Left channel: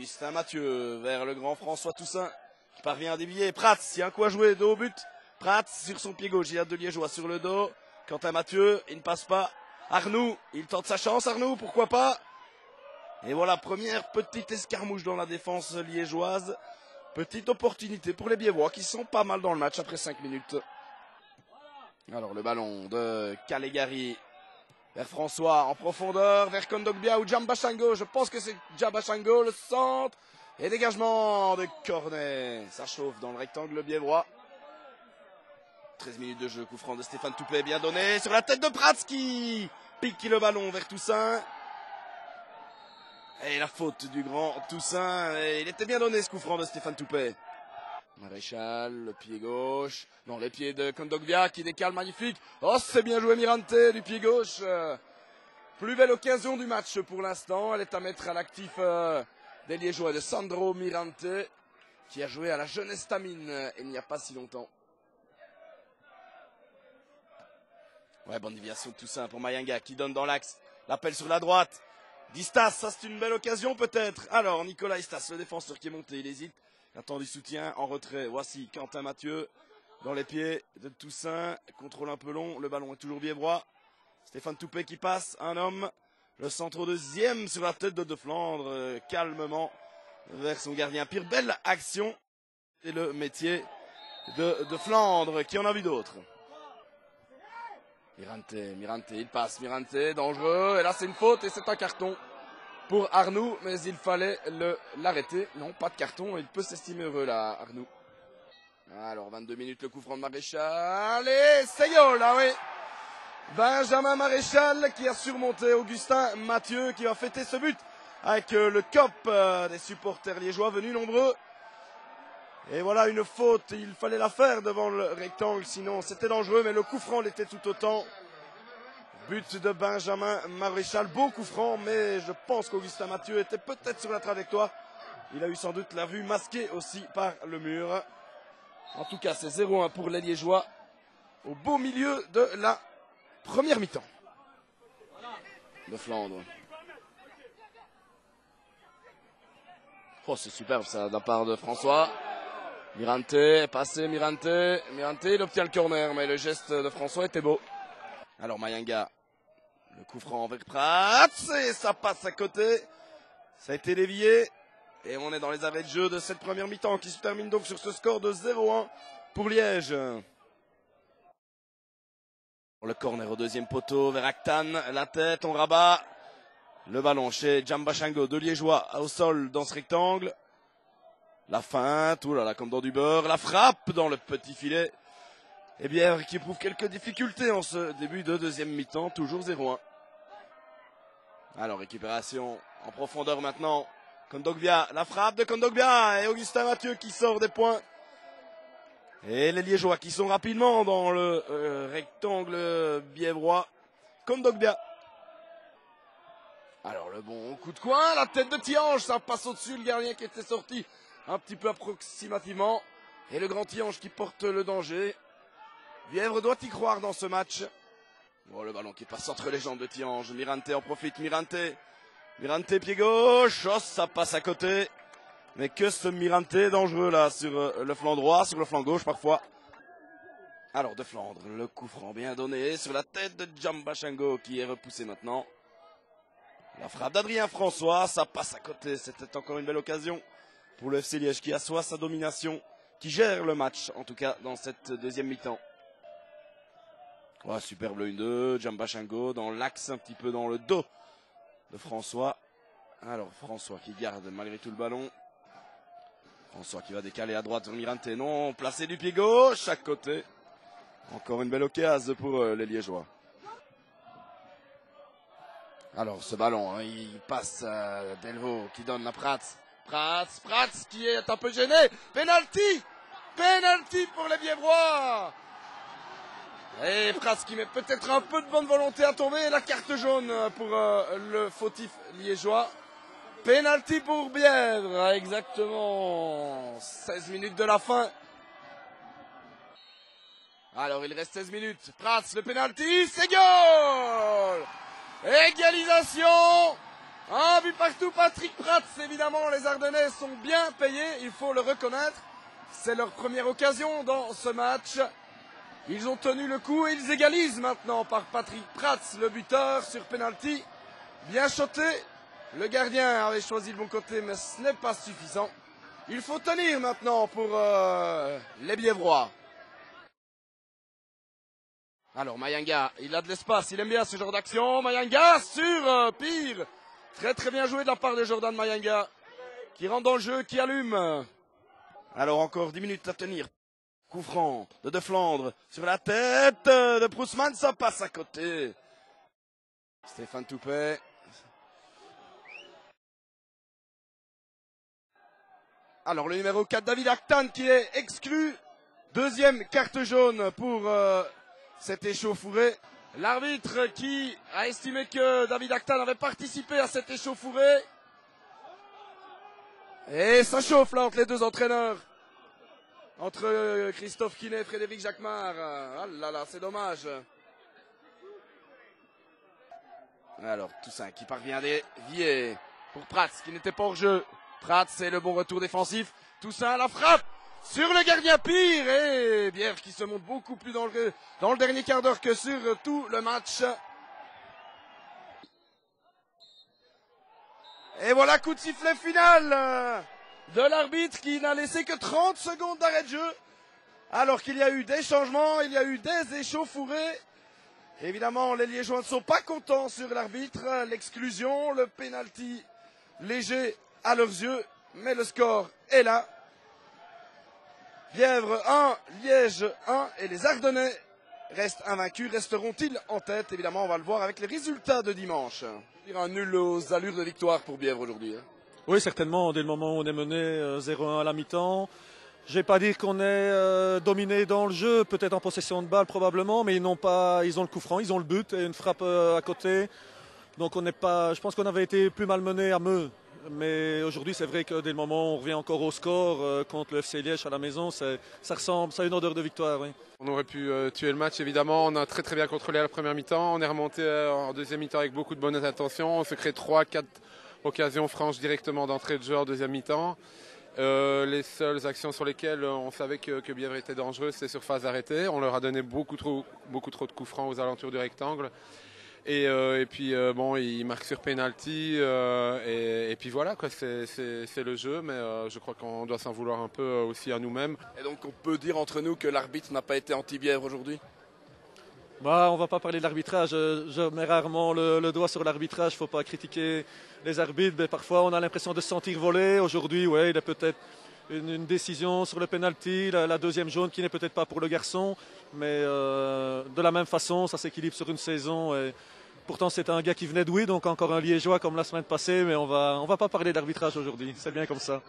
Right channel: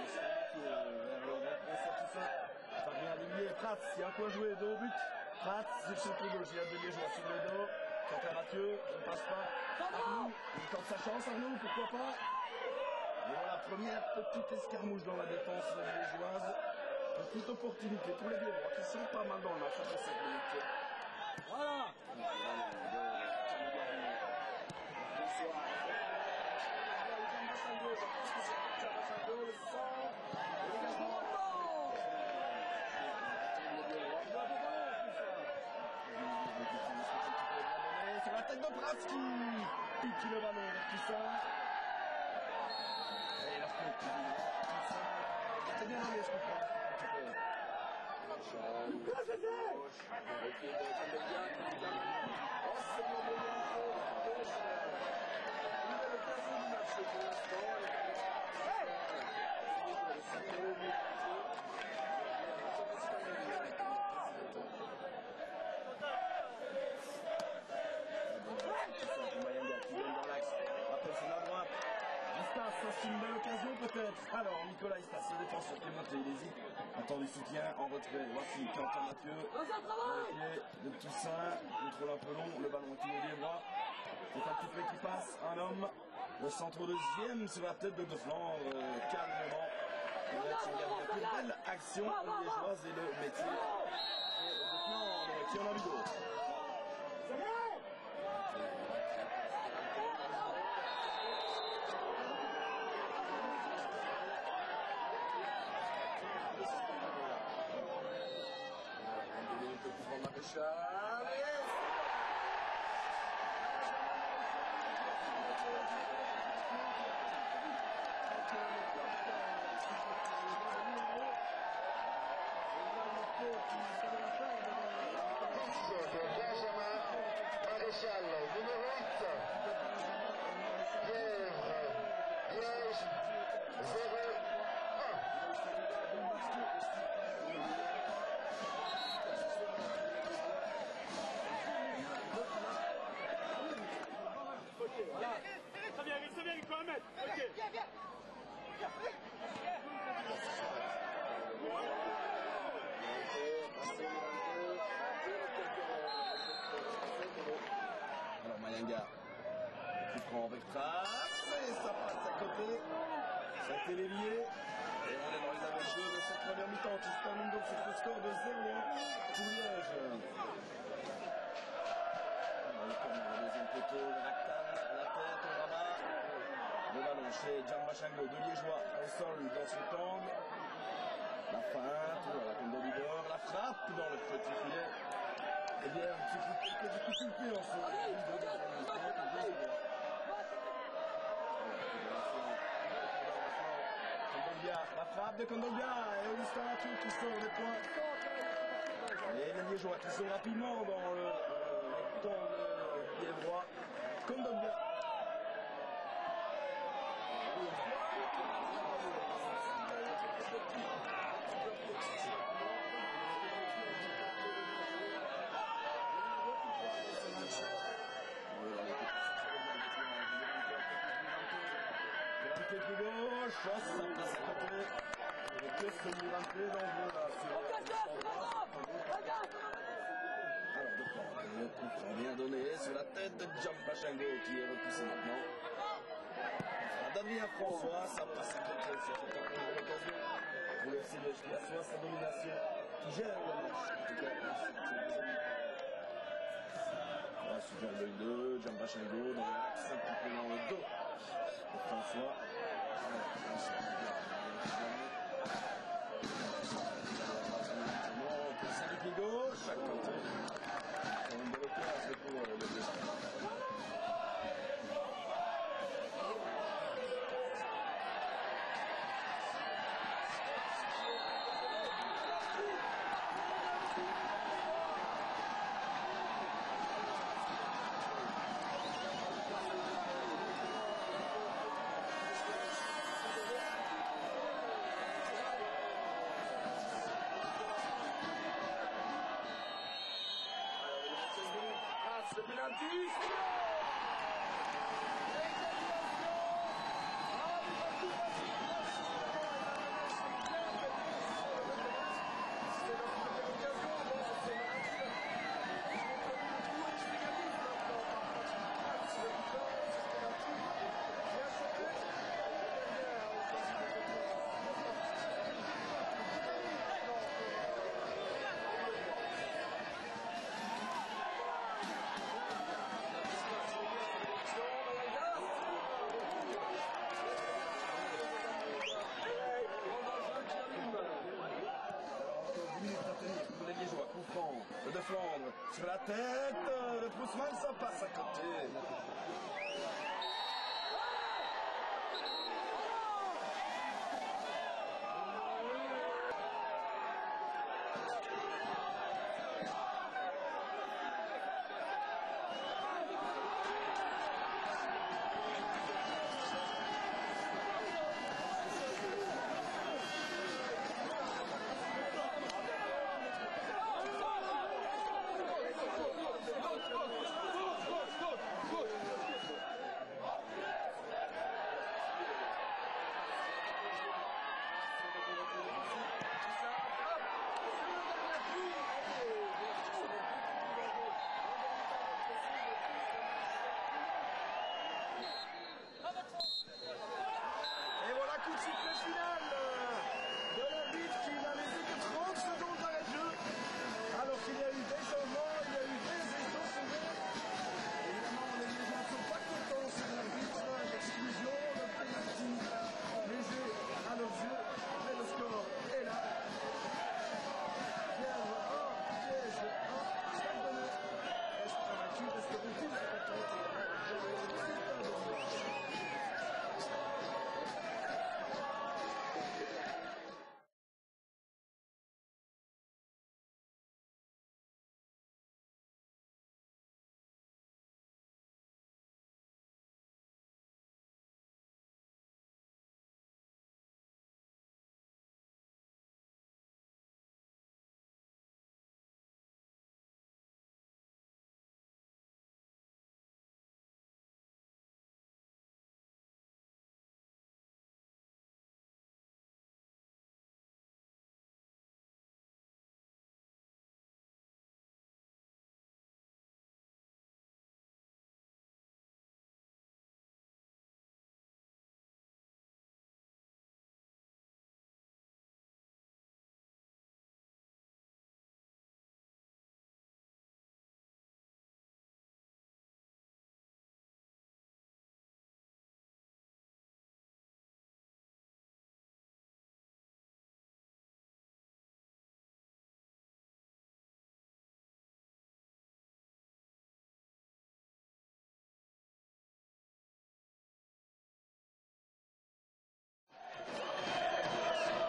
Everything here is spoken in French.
Augustin Mathieu vers le grand François Toussaint. Qui parvient à dévier. Prats, il y a un coup à jouer, dos au but. Prats sur son pied gauche, il y a deux Liégeois sur le dos. Quentin Mathieu, il ne passe pas. Arnoux, il tente sa chance, Arnoux, pourquoi pas. Et voilà, première petite escarmouche dans la défense liégeoise. Petite opportunité pour les Biévois qui sont pas mal dans le match après 5 minutes. Alors le ballon de Calegari vers François en profondeur, vers Kondogbia ou Djambashango. Je pense que c'est Djambashango, le centre. Et dégagement de Cornet. Ça chauffe dans le rectangle biévrois. 13 minutes de jeu, coup franc de Stéphane Toupet, bien donné. Sur la tête de Prats qui pique le ballon vers Toussaint. Et la faute du grand Toussaint. Et il était bien donné ce coup franc de Stéphane Toupet. Maréchal, le pied gauche. Dans le pied de Kondogbia qui décale magnifique. Oh, c'est bien joué Mirante du pied gauche. Plus belle occasion du match pour l'instant. Elle est à mettre à l'actif des Liégeois de Sandro Mirante qui a joué à la Jeunesse Tamine il n'y a pas si longtemps. Ouais, bonne déviation de Toussaint pour Mayanga qui donne dans l'axe. L'appel sur la droite. Distas, ça c'est une belle occasion peut-être. Alors Nicolas Istas, le défenseur qui est monté, il hésite. Attend du soutien en retrait. Voici Quentin Mathieu dans les pieds de Toussaint. Contrôle un peu long, le ballon est toujours biévrois. Stéphane Toupet qui passe, un homme. Le centre deuxième sur la tête de Flandre, calmement vers son gardien. Pire belle action. C'est le métier de Flandre qui en a vu d'autres. Mirante, il passe, Mirante, dangereux. Et là c'est une faute et c'est un carton pour Arnoux, mais il fallait l'arrêter. Non, pas de carton, il peut s'estimer heureux là, Arnoux. Alors, 22 minutes, le coup franc de Maréchal. Et c'est goal, là oui. Benjamin Maréchal qui a surmonté Augustin Mathieu, qui va fêter ce but avec le cop des supporters liégeois venus nombreux. Et voilà une faute, il fallait la faire devant le rectangle, sinon c'était dangereux, mais le coup franc l'était tout autant. But de Benjamin Maréchal, beau coup franc, mais je pense qu'Augustin Mathieu était peut-être sur la trajectoire. Il a eu sans doute la vue masquée aussi par le mur. En tout cas, c'est 0-1 pour les Liégeois au beau milieu de la première mi-temps. De Flandre. Oh, c'est superbe ça de la part de François. Mirante est passé, Mirante, il obtient le corner, mais le geste de François était beau. Alors Mayanga, le coup franc avec Prats, et ça passe à côté. Ça a été dévié, et on est dans les arrêts de jeu de cette première mi-temps qui se termine donc sur ce score de 0-1 pour Liège. Le corner au deuxième poteau vers Aktan, la tête, on rabat. Le ballon chez Djambashango, deux Liégeois au sol dans ce rectangle. La feinte, oulala, comme dans du beurre. La frappe dans le petit filet. Et bien, qui éprouve quelques difficultés en ce début de deuxième mi-temps. Toujours 0-1. Alors, récupération en profondeur maintenant. Kondogbia, la frappe de Kondogbia. Et Augustin Mathieu qui sort des points. Et les Liégeois qui sont rapidement dans le rectangle biévroit. Kondogbia. Alors, le bon coup de coin. La tête de Tiange. Ça passe au-dessus. Le gardien qui était sorti un petit peu approximativement. Et le grand Tiange qui porte le danger. Lièvre doit y croire dans ce match. Oh, le ballon qui passe entre les jambes de Tiange. Mirante en profite. Mirante, pied gauche. Oh, ça passe à côté. Mais que ce Mirante dangereux là sur le flanc droit, sur le flanc gauche parfois. Alors de Flandre, le coup franc bien donné sur la tête de Djambashango qui est repoussé maintenant. La frappe d'Adrien François, ça passe à côté. C'était encore une belle occasion pour le FC Liège qui assoit sa domination, qui gère le match en tout cas dans cette deuxième mi-temps. Oh, superbe le 1-2, Djambashango dans l'axe, un petit peu dans le dos de François. Alors François qui garde malgré tout le ballon. François qui va décaler à droite, Mirante non, placé du pied gauche à côté. Encore une belle occasion pour les Liégeois. Alors ce ballon, hein, il passe Delvaux qui donne la Prats. Prats qui est un peu gêné. Penalty pour les Biévrois. Et Prats qui met peut-être un peu de bonne volonté à tomber. La carte jaune pour le fautif liégeois. Penalty pour Bièvre, exactement 16 minutes de la fin. Alors il reste 16 minutes. Prats, le penalty, c'est goal. Égalisation Un but partout, Patrick Prats. Évidemment, les Ardennais sont bien payés, il faut le reconnaître. C'est leur première occasion dans ce match. Ils ont tenu le coup et ils égalisent maintenant par Patrick Prats, le buteur sur penalty. Bien shoté. Le gardien avait choisi le bon côté, mais ce n'est pas suffisant. Il faut tenir maintenant pour les Bièvrois. Alors Mayanga, il a de l'espace, il aime bien ce genre d'action. Mayanga sur Pire. Très très bien joué de la part de Jordan Mayanga, qui rentre dans le jeu, qui allume. Alors encore 10 minutes à tenir. Coup franc de Flandre sur la tête de Prousman, ça passe à côté. Stéphane Toupet. Alors le numéro 4, David Actan, qui est exclu. Deuxième carte jaune pour cet échauffouré. L'arbitre qui a estimé que David Actan avait participé à cet échauffouré. Et ça chauffe là entre les deux entraîneurs. Entre Christophe Quinet et Frédéric Jacquemart. Ah là là, c'est dommage. Alors Toussaint qui parvient dévier pour Prats qui n'était pas hors jeu. Prats, c'est le bon retour défensif. Toussaint la frappe sur le gardien Pire. Et Bièvre qui se montre beaucoup plus dangereux dans le dernier quart d'heure que sur tout le match. Et voilà, coup de sifflet final de l'arbitre qui n'a laissé que 30 secondes d'arrêt de jeu. Alors qu'il y a eu des changements, il y a eu des échauffourées. Évidemment, les Liégeois ne sont pas contents sur l'arbitre. L'exclusion, le pénalty léger à leurs yeux. Mais le score est là. Bièvre 1, Liège 1 et les Ardennais restent invaincus. Resteront-ils en tête? Évidemment, on va le voir avec les résultats de dimanche. Un nul aux allures de victoire pour Bièvre aujourd'hui. Oui, certainement. Dès le moment où on est mené 0-1 à la mi-temps. Je ne vais pas dire qu'on est dominé dans le jeu, peut-être en possession de balle probablement, mais ils ont le coup franc, ils ont le but et une frappe à côté. Donc on n'est pas, je pense qu'on avait été plus malmené à Meux. Mais aujourd'hui, c'est vrai que dès le moment où on revient encore au score contre le FC Liège à la maison, ça ressemble à une odeur de victoire. Oui. On aurait pu tuer le match, évidemment. On a très très bien contrôlé à la première mi-temps. On est remonté en deuxième mi-temps avec beaucoup de bonnes intentions. On se crée 3-4 occasions franches directement d'entrée de jeu en deuxième mi-temps. Les seules actions sur lesquelles on savait que Bièvre était dangereux, c'est sur phase arrêtée. On leur a donné beaucoup trop de coups francs aux alentours du rectangle. Et puis bon, ils marquent sur penalty et puis voilà quoi, c'est le jeu, mais je crois qu'on doit s'en vouloir un peu aussi à nous-mêmes. Et donc on peut dire entre nous que l'arbitre n'a pas été anti-Bièvre aujourd'hui? On ne va pas parler de l'arbitrage, je mets rarement le doigt sur l'arbitrage, il ne faut pas critiquer les arbitres, mais parfois on a l'impression de se sentir voler. Aujourd'hui, ouais, il y a peut-être une décision sur le penalty, la deuxième jaune qui n'est peut-être pas pour le garçon, mais de la même façon, ça s'équilibre sur une saison. Et pourtant, c'est un gars qui venait de Douai, donc encore un Liégeois comme la semaine passée, mais on va pas parler d'arbitrage aujourd'hui, c'est bien comme ça.